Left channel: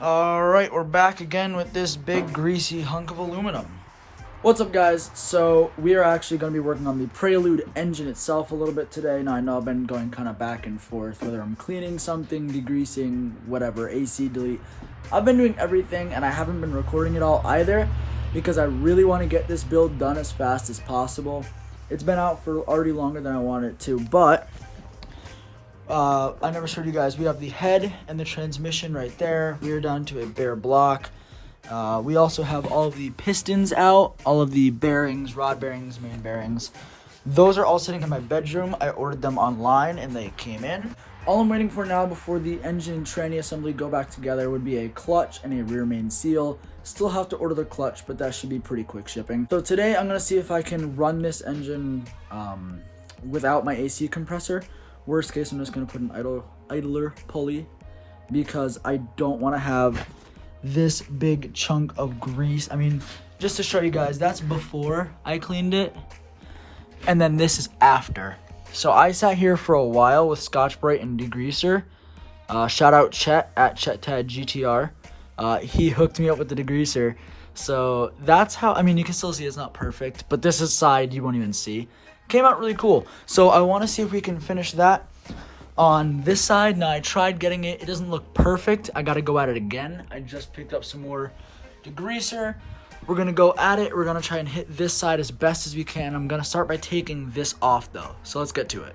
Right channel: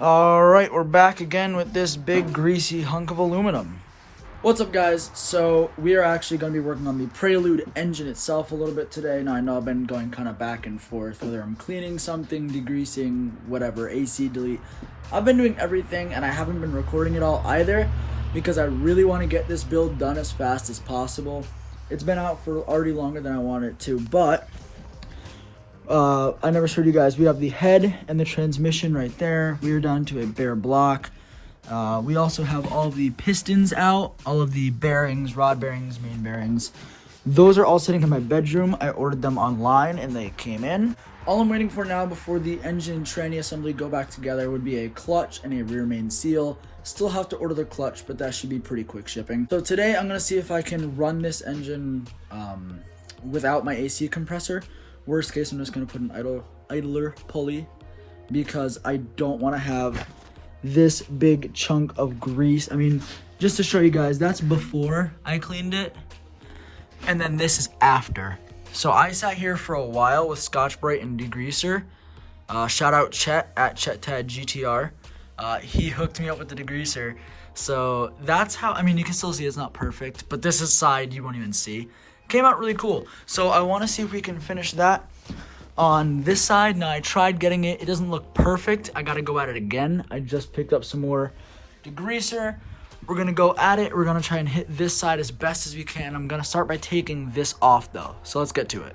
Alright, we're back again with this big greasy hunk of aluminum. What's up, guys? So we are actually going to be working on the Prelude engine itself a little bit today. Now I know I've been going kind of back and forth, whether I'm cleaning something, degreasing, whatever, AC, delete. I've been doing everything and I haven't been recording it all either because I really want to get this build done as fast as possible. It's been out for already longer than I wanted it to, but I never showed you guys. We have the head and the transmission right there. We are down to a bare block. We also have all the pistons out, all of the bearings, rod bearings, main bearings. Those are all sitting in my bedroom. I ordered them online and they came in. All I'm waiting for now before the engine and tranny assembly go back together would be a clutch and a rear main seal. Still have to order the clutch, but that should be pretty quick shipping. So today I'm gonna see if I can run this engine without my AC compressor. Worst case, I'm just gonna put an idler pulley because I don't wanna have this big chunk of grease. I mean, just to show you guys, that's before I cleaned it, and then this is after. So I sat here for a while with Scotch-Brite and degreaser. Shout out Chet at ChetTadGTR. He hooked me up with the degreaser. So that's how, I mean, you can still see it's not perfect, but this is side you won't even see. Came out really cool. So I want to see if we can finish that on this side. Now I tried getting it. It doesn't look perfect. I got to go at it again. I just picked up some more degreaser. We're going to go at it. We're going to try and hit this side as best as we can. I'm going to start by taking this off though. So let's get to it.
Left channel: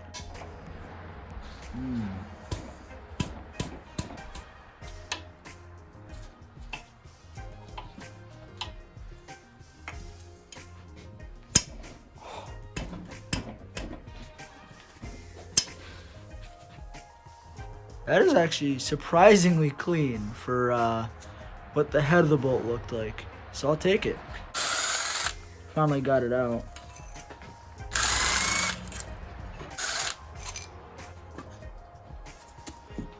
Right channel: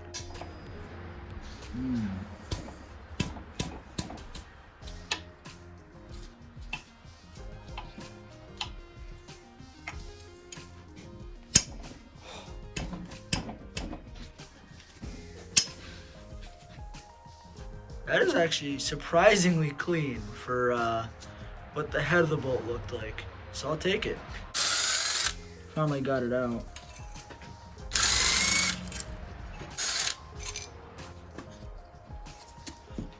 That is actually surprisingly clean for what the head of the bolt looked like. So I'll take it. Finally got it out.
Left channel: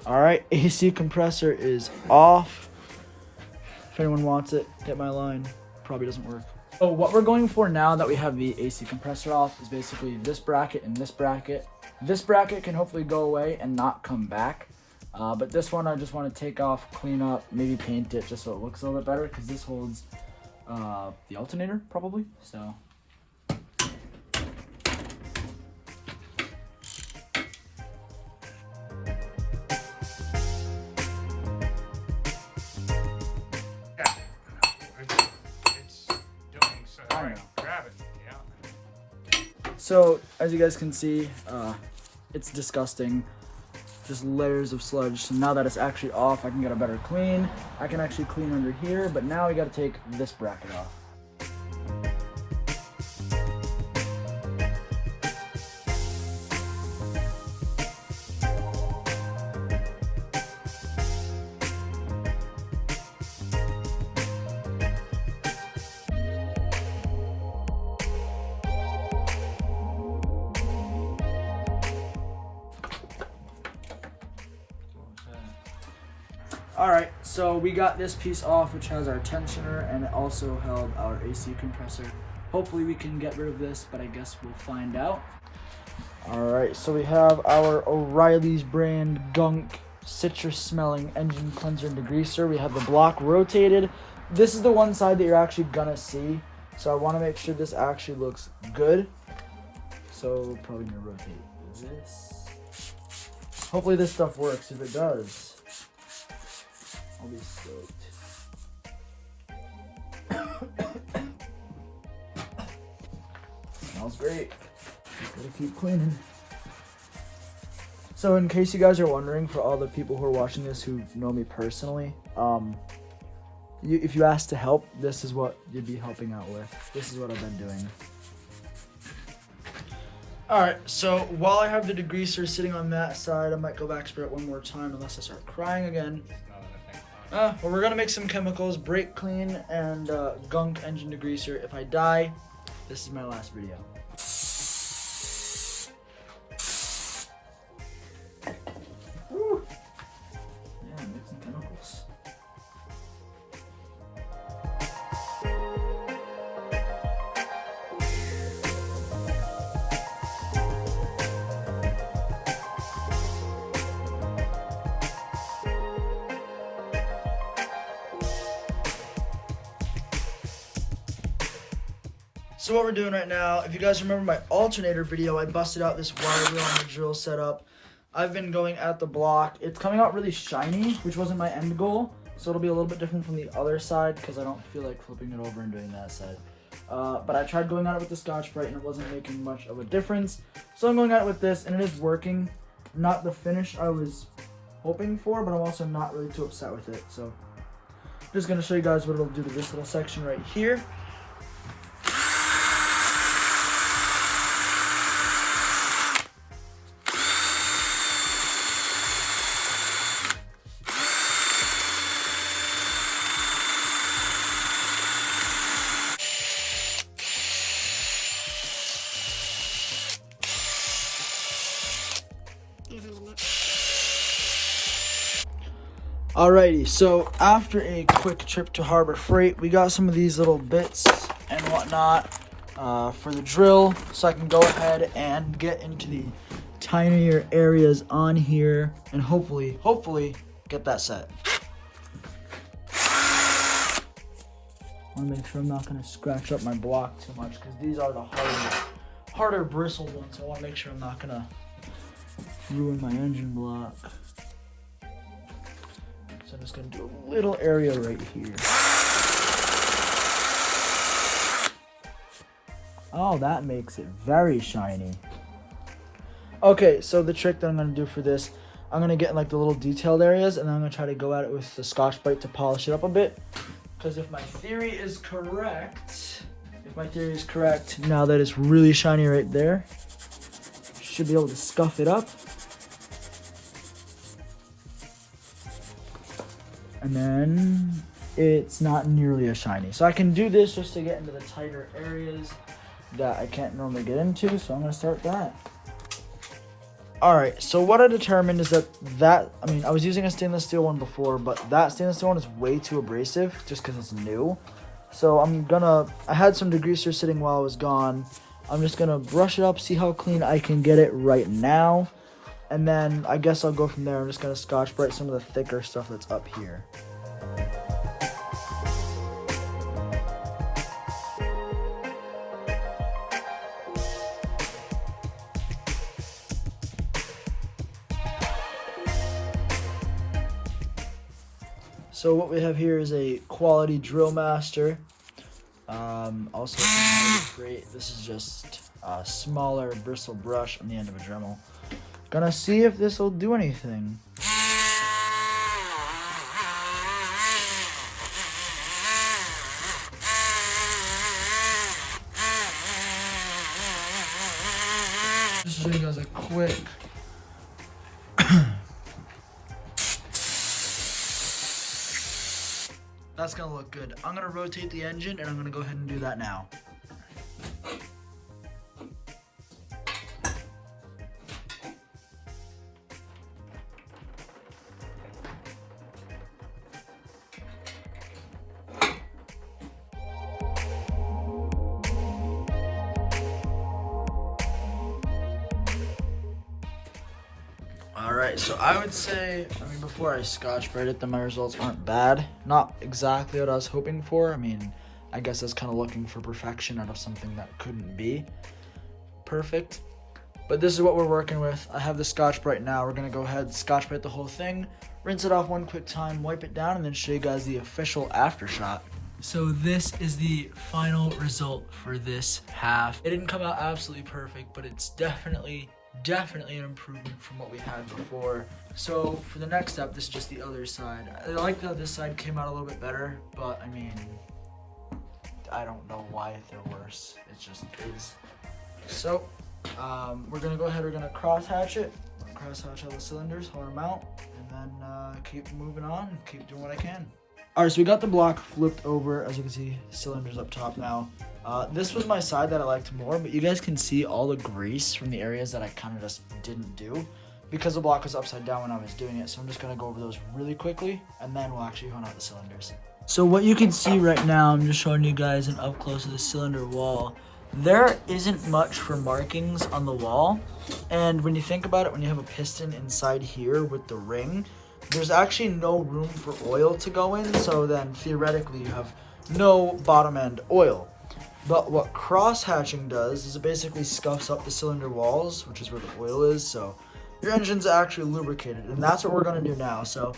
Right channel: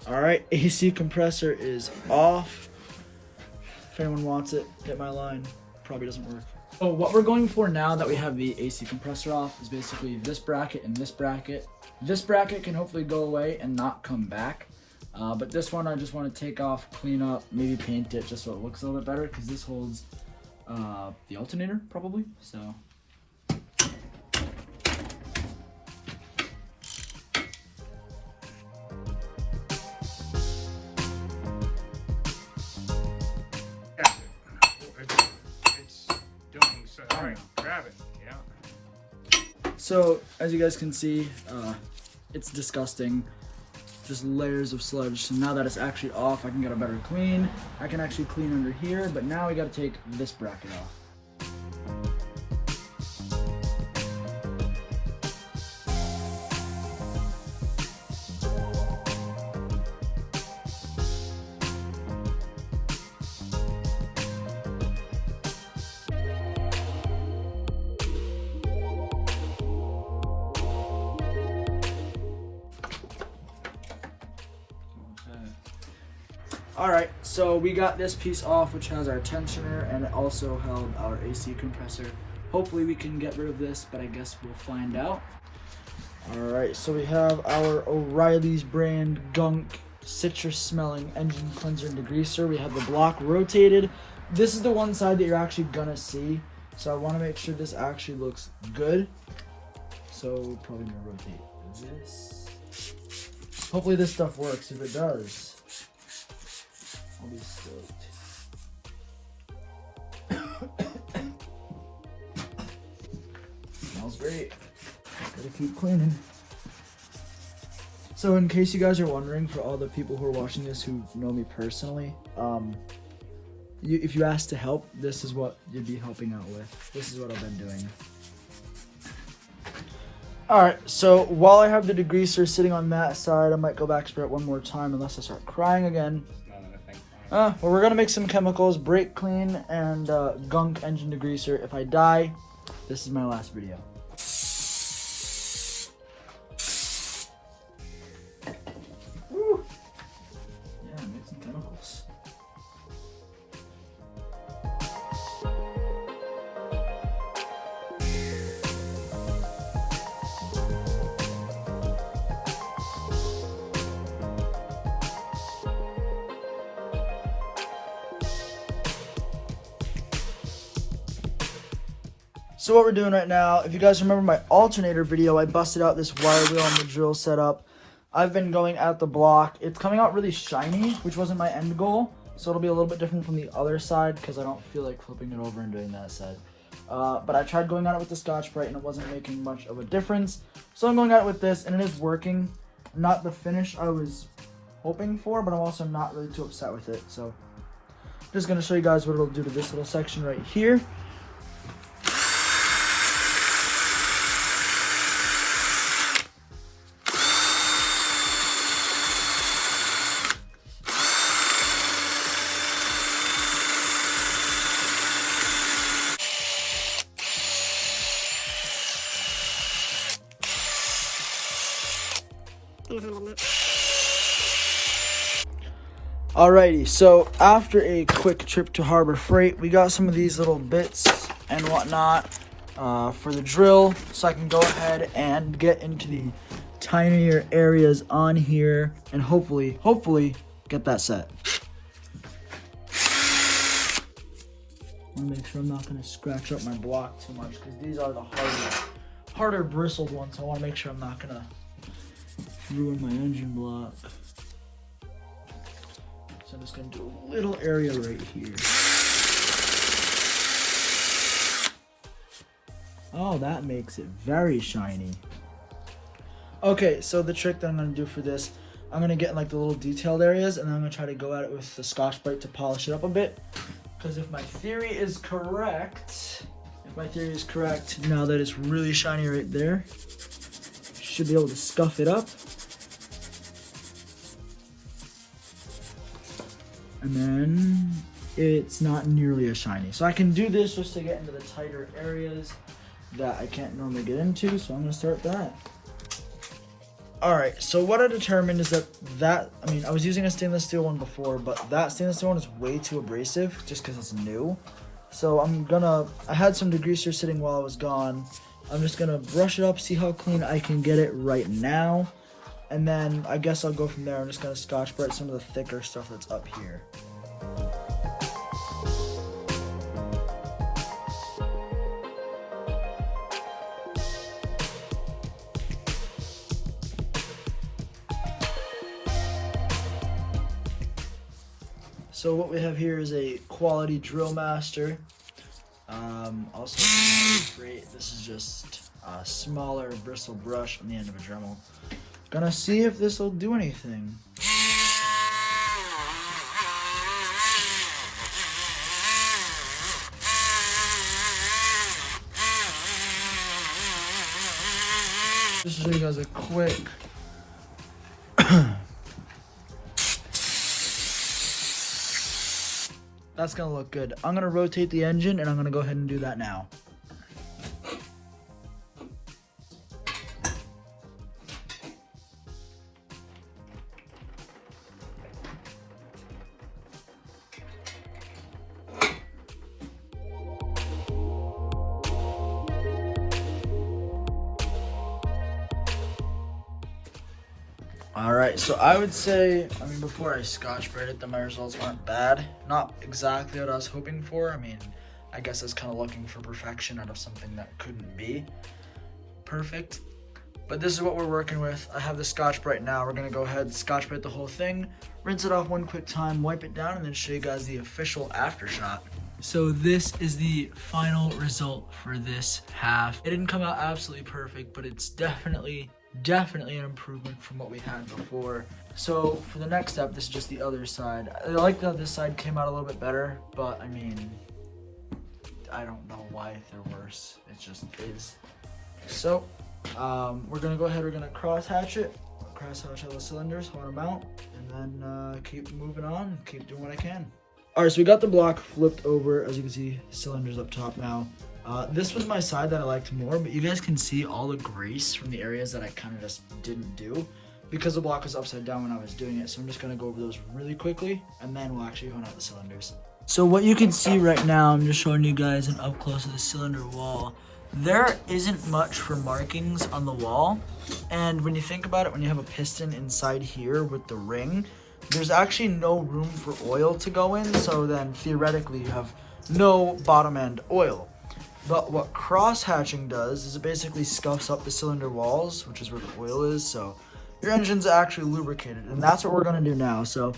Alright, AC compressor is off. If anyone wants it, hit my line. Probably doesn't work. So what we're going for now that we have the AC compressor off is basically this bracket and this bracket. This bracket can hopefully go away and not come back. But this one I just want to take off, clean up, maybe paint it just so it looks a little bit better because this holds the alternator probably. So grab it. Yeah. So as you guys can see, it's disgusting. Just layers of sludge. So now that it's actually off, I can get a better clean. I can actually clean under here, but now we got to take this bracket off. Alright, so we got this piece off, which has our tensioner, and it also held our AC compressor. Hopefully we can get rid of this, but I guess we'll find out. Alright, so we have our O'Reilly's brand gunk citrus smelling engine cleanser and degreaser. We have the block rotated. This is the one side that you're actually gonna see, so I want to make sure this actually looks good. So probably gonna rotate this. Hopefully this stuff works. If it does, I'll be stoked. Smells great. Gotta keep cleaning. So in case you guys are wondering, for all the people who are watching this who know me personally, if you ask to help, this is what you'd be helping out with. This is what I've been doing. Alright, so while I have the degreaser sitting on that side, I might go back spray it one more time unless I start crying again. Well, we're gonna make some chemicals, brake clean, and gunk engine degreaser. If I die, this is my last video. Woo. Yeah, make some chemicals. So what we're doing right now, if you guys remember my alternator video, I busted out this wire wheel on the drill setup. I've been going at the block. It's coming out really shiny, which wasn't my end goal. So it'll be a little bit different from the other side because I don't feel like flipping it over and doing that side. But I tried going at it with the Scotch-Brite and it wasn't making much of a difference. So I'm going at it with this and it is working. Not the finish I was hoping for, but I'm also not really too upset with it. So I'm just going to show you guys what it'll do to this little section right here. Alrighty, so after a quick trip to Harbor Freight, we got some of these little bits and whatnot for the drill, so I can go ahead and get into the tinier areas on here and hopefully get that set. I want to make sure I'm not going to scratch up my block too much because these are the harder bristled ones, so I want to make sure I'm not going to ruin my engine block. So I'm just going to do a little area right here. Oh, that makes it very shiny. Okay, so the trick that I'm going to do for this, I'm going to get in like the little detailed areas and then I'm going to try to go at it with the Scotch-Brite to polish it up a bit. Because if my theory is correct, now that it's really shiny right there, should be able to scuff it up. And then it's not nearly as shiny. So I can do this just to get into the tighter areas that I can't normally get into. So I'm gonna start that. All right, so what I determined is that I was using a stainless steel one before, but that stainless steel one is way too abrasive just because it's new. So I had some degreaser sitting while I was gone. I'm just gonna brush it up, see how clean I can get it right now. And then I guess I'll go from there. I'm just gonna Scotch-Brite some of the thicker stuff that's up here. So what we have here is a quality drill master. Also great. This is just a smaller bristle brush on the end of a Dremel. Gonna see if this will do anything. Just to show you guys a quick that's gonna look good. I'm gonna rotate the engine and I'm gonna go ahead and do that now. Alright, so I would say, before I Scotch-Brite it, my results weren't bad. Not exactly what I was hoping for. I guess I was kind of looking for perfection out of something that couldn't be perfect. But this is what we're working with. I have the Scotch-Brite now. We're going to go ahead and Scotch-Brite the whole thing, rinse it off one quick time, wipe it down, and then show you guys the official after shot. So this is the final result for this half. It didn't come out absolutely perfect, but it's definitely an improvement from what we had before. So for the next step, this is just the other side. I like how this side came out a little bit better, but I don't know why they're worse. It just is. So we're gonna go ahead, we're gonna cross hatch it, cross hatch all the cylinders, hold them out, and then keep moving on and keep doing what I can. All right, so we got the block flipped over. As you can see, cylinders up top now. This was my side that I liked more, but you guys can see all the grease from the areas that I kind of just didn't do because the block was upside down when I was doing it. So I'm just gonna go over those really quickly and then we'll actually hone out the cylinders. So what you can see right now, I'm just showing you guys an up close of the cylinder wall. There isn't much for markings on the wall. And when you think about it, when you have a piston inside here with the ring, there's actually no room for oil to go in. So then theoretically you have no bottom end oil. But what cross-hatching does is it basically scuffs up the cylinder walls, which is where the oil is, so your engine's actually lubricated, and that's what we're gonna do now. So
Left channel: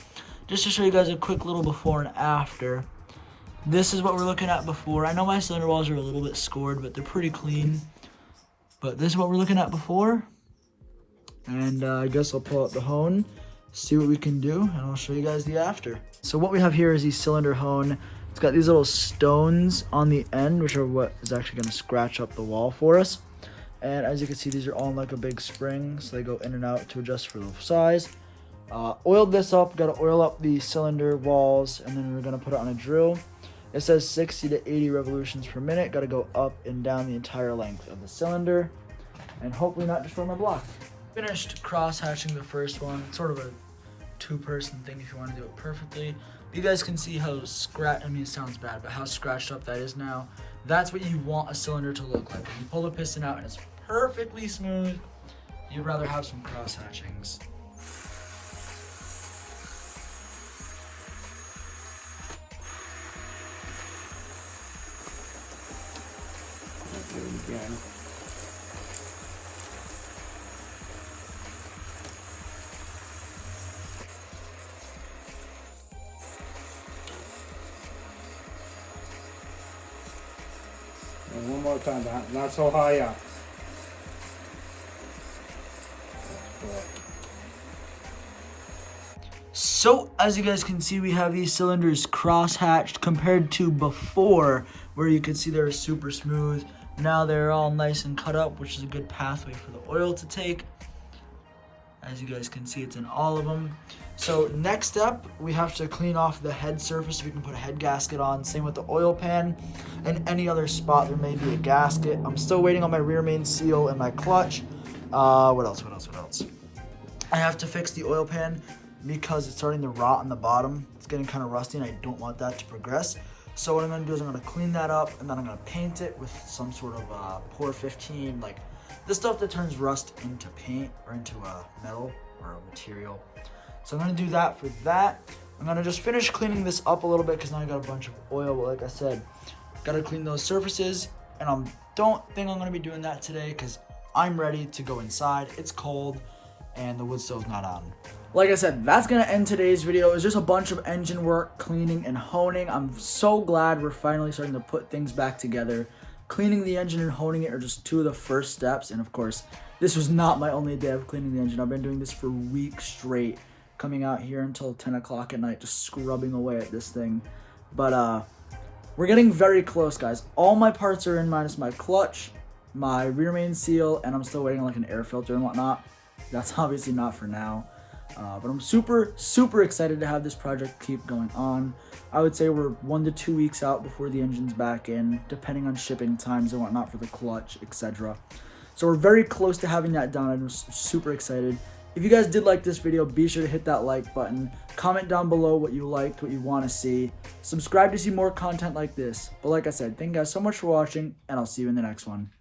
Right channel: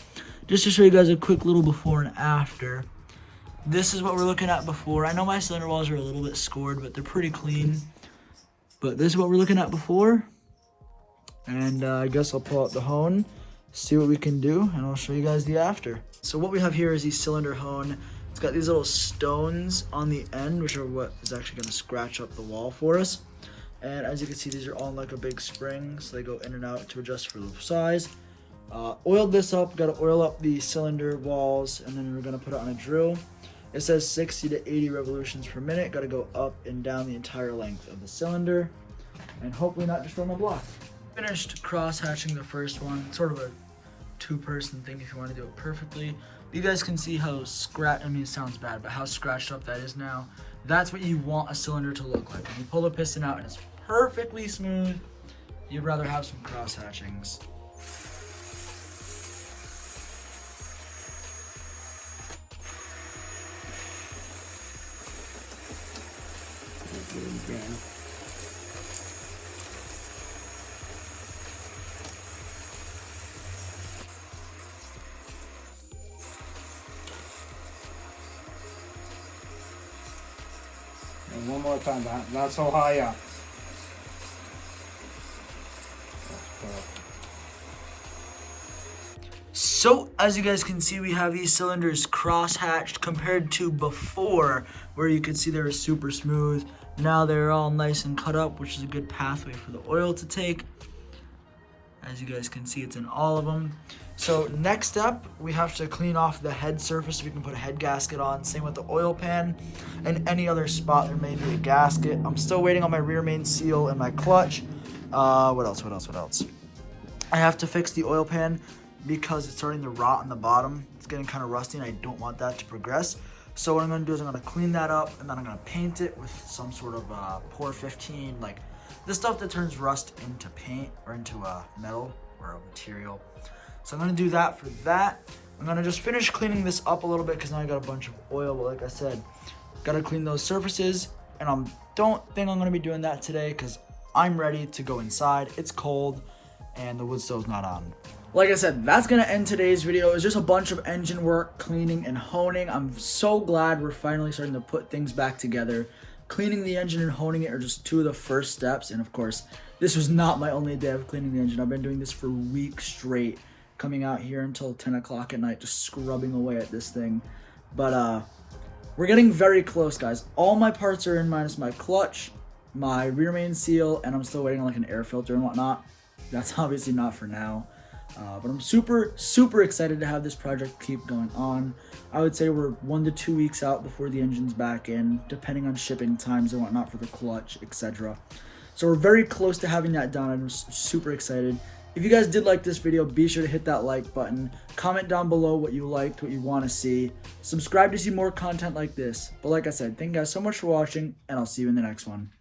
just to show you guys a quick little before and after, this is what we're looking at before. I know my cylinder walls are a little bit scored, but they're pretty clean. But this is what we're looking at before. And I guess I'll pull out the hone, see what we can do, and I'll show you guys the after. So what we have here is the cylinder hone. It's got these little stones on the end, which are what is actually gonna scratch up the wall for us. And as you can see, these are on like a big spring, so they go in and out to adjust for the size. Oiled this up, gotta oil up the cylinder walls, and then we're gonna put it on a drill. It says 60 to 80 revolutions per minute. Gotta go up and down the entire length of the cylinder, and hopefully not destroy my block. Finished cross-hatching the first one, sort of a two-person thing if you want to do it perfectly. You guys can see how it sounds bad, but how scratched up that is now. That's what you want a cylinder to look like. When you pull the piston out and it's perfectly smooth, you'd rather have some cross-hatchings. And one more time, not so high up. So as you guys can see, we have these cylinders cross-hatched compared to before, where you could see they were super smooth. Now they're all nice and cut up, which is a good pathway for the oil to take. As you guys can see, it's in all of them. So next step, we have to clean off the head surface so we can put a head gasket on. Same with the oil pan and any other spot there may be a gasket. I'm still waiting on my rear main seal and my clutch. What else? I have to fix the oil pan because it's starting to rot on the bottom. It's getting kind of rusty and I don't want that to progress. So what I'm gonna do is I'm gonna clean that up and then I'm gonna paint it with some sort of Pour 15, like the stuff that turns rust into paint or into metal or a material. So I'm gonna do that for that. I'm gonna just finish cleaning this up a little bit because now I got a bunch of oil. But like I said, gotta clean those surfaces. And I don't think I'm gonna be doing that today because I'm ready to go inside. It's cold and the wood stove's not on. Like I said, that's gonna end today's video. It's just a bunch of engine work, cleaning and honing. I'm so glad we're finally starting to put things back together. Cleaning the engine and honing it are just two of the first steps. And of course, this was not my only day of cleaning the engine. I've been doing this for weeks straight, coming out here until 10 o'clock at night, just scrubbing away at this thing. But we're getting very close, guys. All my parts are in minus my clutch, my rear main seal, and I'm still waiting on like an air filter and whatnot. That's obviously not for now. But I'm super excited to have this project keep going on. I would say we're 1 to 2 weeks out before the engine's back in, depending on shipping times and whatnot for the clutch, etc. So we're very close to having that done. I'm super excited. If you guys did like this video, be sure to hit that like button. Comment down below what you liked, what you want to see. Subscribe to see more content like this. But like I said, thank you guys so much for watching, and I'll see you in the next one.